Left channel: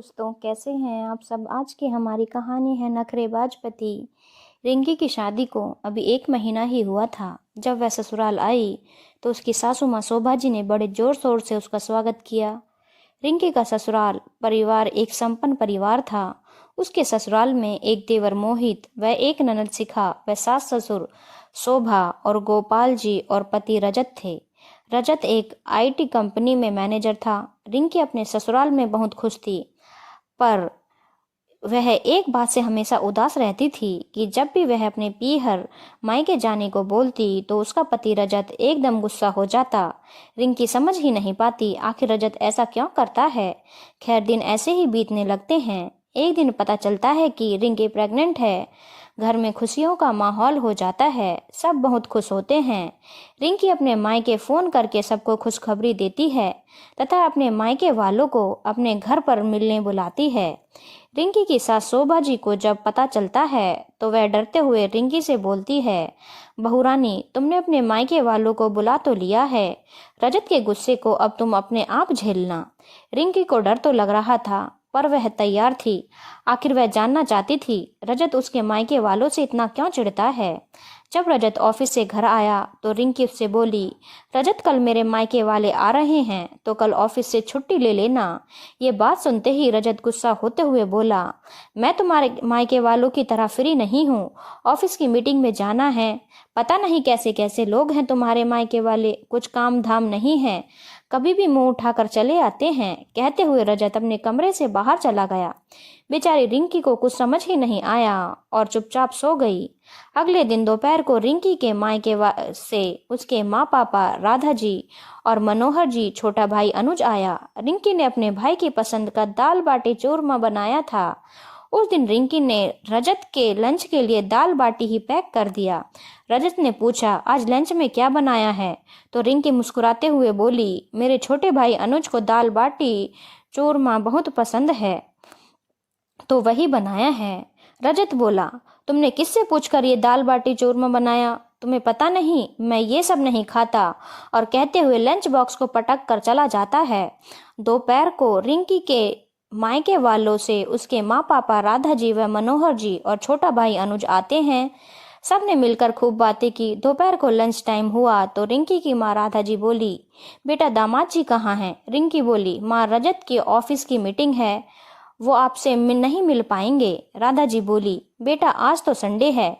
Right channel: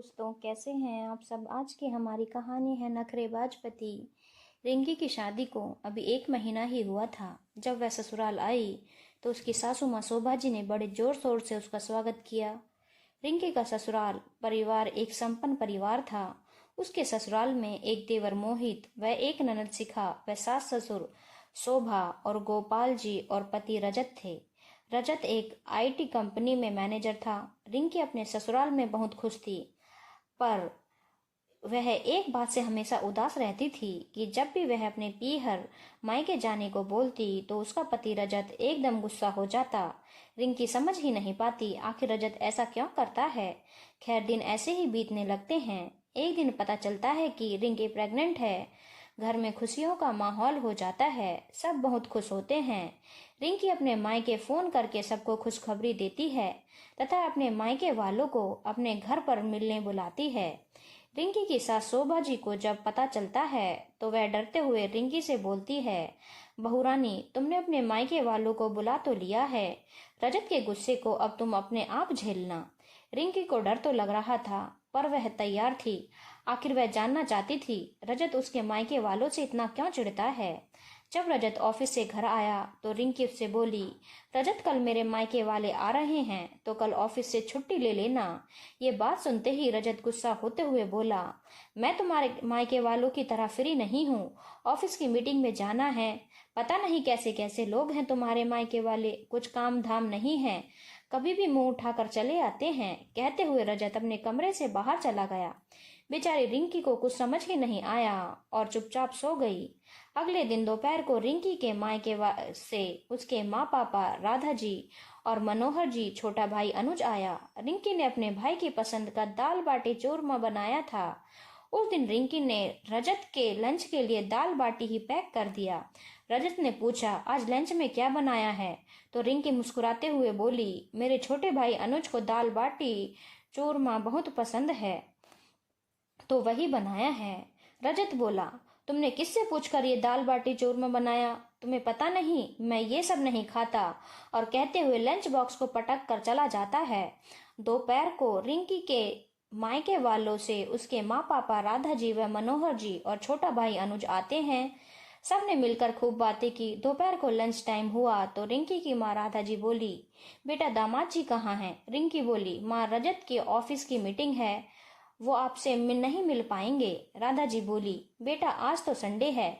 दोस्तों, कैसे हैं आप सब। आज की हमारी कहानी है नखरेबाज पति। रिंकी की शादी को अभी 1 महीना ही हुआ था। जब वह ससुराल आई तो उसकी सासू माँ शोभा जी ने बड़े जोर शोर से उसका स्वागत किया। रिंकी का ससुराल परिवार एक संपन्न परिवार था। उसके ससुराल में एक देवर मोहित, वह एक ननद शिखा, वह सास ससुर शोभा और गोपाल जी और पति रजत थे। रजत एक आईटी कंपनी में मैनेजर था। रिंकी अपने ससुराल में बहुत खुश थी, पर वह एक बात से हमेशा उदास रहती थी कि जब भी वह अपने पीहर मायके जाने को बोलती तो उसका पति रजत एकदम गुस्सा हो जाता। रिंकी समझ ही नहीं पाती आखिर रजत ऐसा क्यों करता है। खैर, दिन ऐसे ही बीतने लगते हैं। एक दिन पता चलता है कि रिंकी प्रेग्नेंट है। घर में खुशियों का माहौल हो जाता है, सब बहुत खुश होते हैं। रिंकी अपने मायके फोन करके सबको खुशखबरी देती है तथा अपने मायके वालों को अपने घर पर मिलने बुलाती है। रिंकी की सास शोभा जी को जब पता चलता है तो वह डरते हुए रिंकी से बोलती है, बहू रानी, तुमने अपने मायके वालों को बुला तो लिया है, रजत के गुस्से को अब तुम अपने आप झेलना। रिंकी को डर तो लग रहा था, पर वह तैयार थी। आखिर वह जानना चाहती थी रजत उसके मायके वालों से इतना क्यों चिढ़ता है। जब रजत ऑफिस से घर आया तो रिंकी उससे बोली, रजत, कल मेरे मायके वाले आ रहे हैं तो कल ऑफिस से छुट्टी ले लेना। ये बात सुनते ही रजत गुस्सा होते हुए बोला, मैं तुम्हारे मायके वालों की तरह फ्री नहीं हूँ, ऑफिस की मीटिंग में जाना है। पता नहीं कैसे कैसे लोग हैं तुम्हारे मायके वाले, कुछ काम धाम नहीं है, कभी भी मुंह उठाकर चले आते हैं। कहते हुए रजत अपने कमरे से बाहर चला गया। बेचारी रिंकी को कुछ समझ ही नहीं आया और चुपचाप सो गई। अगले दिन दोपहर को रिंकी के मायके से उसके माँ पापा राधा जी और मनोहर जी, छोटा भाई अनुज आया। रिंकी ने अपने भाई की पसंद का दाल बाटी चूरमा बनाया था। उस दिन रिंकी ने रजत के लंच के लिए दाल बाटी ही पैक कर दिया। रजत ने पूछा, आज लंच में क्या बनाया है? तो रिंकी मुस्कुराते हुए बोली, मेरे छोटे भाई अनुज को दाल बाटी चूरमा बहुत पसंद है तो वही बनाया है। रजत बोला, तुमने किससे पूछकर ये दाल बाटी चूरमा बनाया? तुम्हें पता नहीं मैं ये सब नहीं खाता। और कहते हुए लंच बॉक्स को पटक कर चला जाता है। दोपहर को रिंकी के मायके वालों से उसके माँ पापा राधा जी व मनोहर जी और छोटा भाई अनुज आते हैं। सब ने मिलकर खूब बातें की। दोपहर को लंच टाइम हुआ तो रिंकी की माँ राधा जी बोली, बेटा दामाद जी कहाँ हैं? रिंकी बोली, माँ, रजत की ऑफिस की मीटिंग है, वो आपसे नहीं मिल पाएंगे। राधा जी बोली, बेटा आज तो संडे है,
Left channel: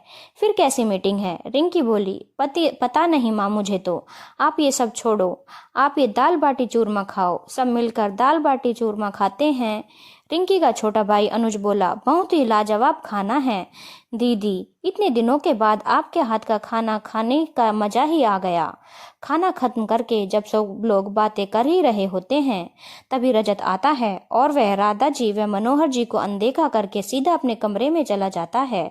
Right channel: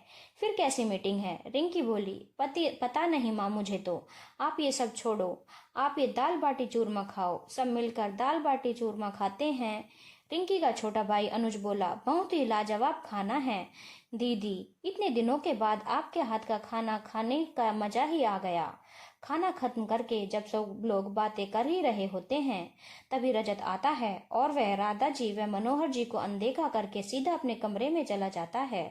फिर कैसी मीटिंग है? रिंकी बोली, पता नहीं माँ मुझे तो, आप ये सब छोड़ो, आप ये दाल बाटी चूरमा खाओ। सब मिलकर दाल बाटी चूरमा खाते हैं। रिंकी का छोटा भाई अनुज बोला, बहुत ही लाजवाब खाना है दीदी, इतने दिनों के बाद आपके हाथ का खाना खाने का मजा ही आ गया। खाना खत्म करके जब सब लोग बातें कर ही रहे होते हैं तभी रजत आता है और वह राधा जी व मनोहर जी को अनदेखा करके सीधा अपने कमरे में चला जाता है।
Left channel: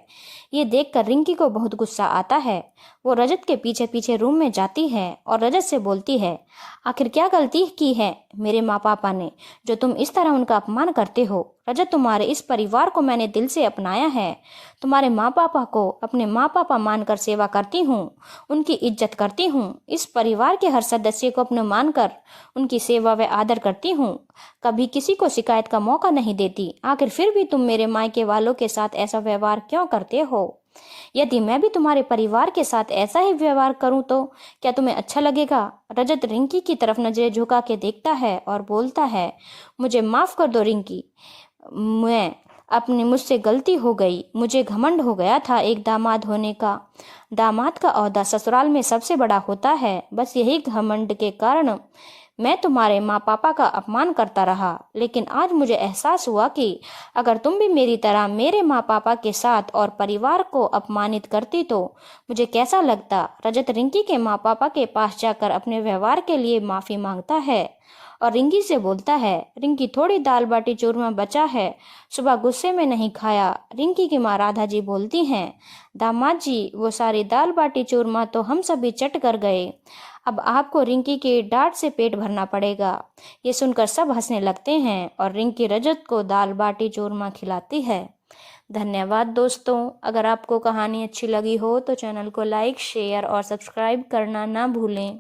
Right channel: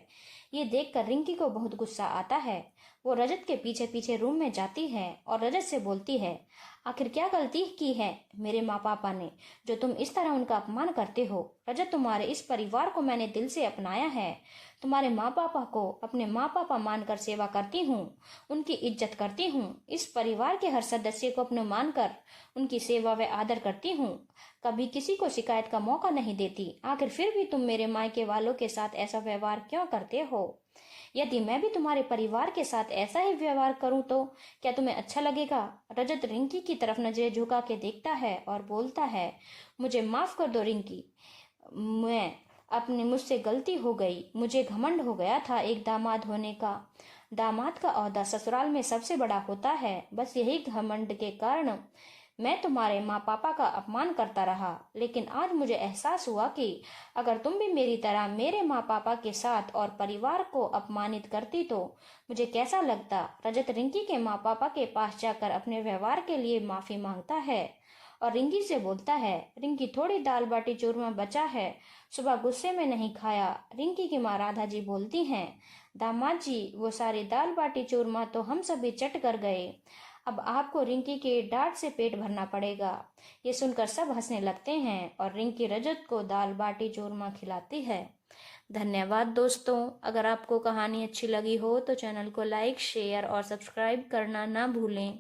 ये देखकर रिंकी को बहुत गुस्सा आता है। वो रजत के पीछे पीछे रूम में जाती है और रजत से बोलती है, आखिर क्या गलती की है मेरे माँ पापा ने जो तुम इस तरह उनका अपमान करते हो? रजत, तुम्हारे इस परिवार को मैंने दिल से अपनाया है, तुम्हारे माँ पापा को अपने माँ पापा मानकर सेवा करती हूँ, उनकी इज्जत करती हूँ, इस परिवार के हर सदस्य को अपने मानकर उनकी सेवा व आदर करती हूँ, कभी किसी को शिकायत का मौका नहीं देती। आखिर फिर भी तुम मेरे मायके वालों के साथ ऐसा व्यवहार क्यों करते हो? यदि मैं भी तुम्हारे परिवार के साथ ऐसा ही व्यवहार करूं तो क्या तुम्हें अच्छा लगेगा? रजत रिंकी की तरफ नजरें झुका के देखता है और बोलता है, मुझे माफ कर दो रिंकी, मैं अपनी मुझसे गलती हो गई, मुझे घमंड हो गया था एक दामाद होने का। दामाद का ओहदा ससुराल में सबसे बड़ा होता है, बस यही घमंड के कारण मैं तुम्हारे माँ पापा का अपमान करता रहा। लेकिन आज मुझे एहसास हुआ कि अगर तुम भी मेरी तरह मेरे माँ पापा के साथ और परिवार को अपमानित करती तो मुझे कैसा लगता। रजत रिंकी के माँ पापा के पास जाकर अपने व्यवहार के लिए माफी मांगता है और रिंकी से बोलता है, रिंकी, थोड़ी दाल बाटी चूरमा बचा है, सुबह गुस्से में नहीं खाया। रिंकी की माँ राधा जी बोलती हैं, दामाद जी, वो सारी दाल बाटी चूरमा तो हम सभी चट कर गए, अब आपको रिंकी के डांट से पेट भरना पड़ेगा। ये सुनकर सब हंसने लगते हैं और रिंकी रजत को दाल बाटी चूरमा खिलाती है। धन्यवाद दोस्तों। अगर आपको कहानी अच्छी लगी हो तो चैनल को लाइक, शेयर और सब्सक्राइब करना ना भूलें।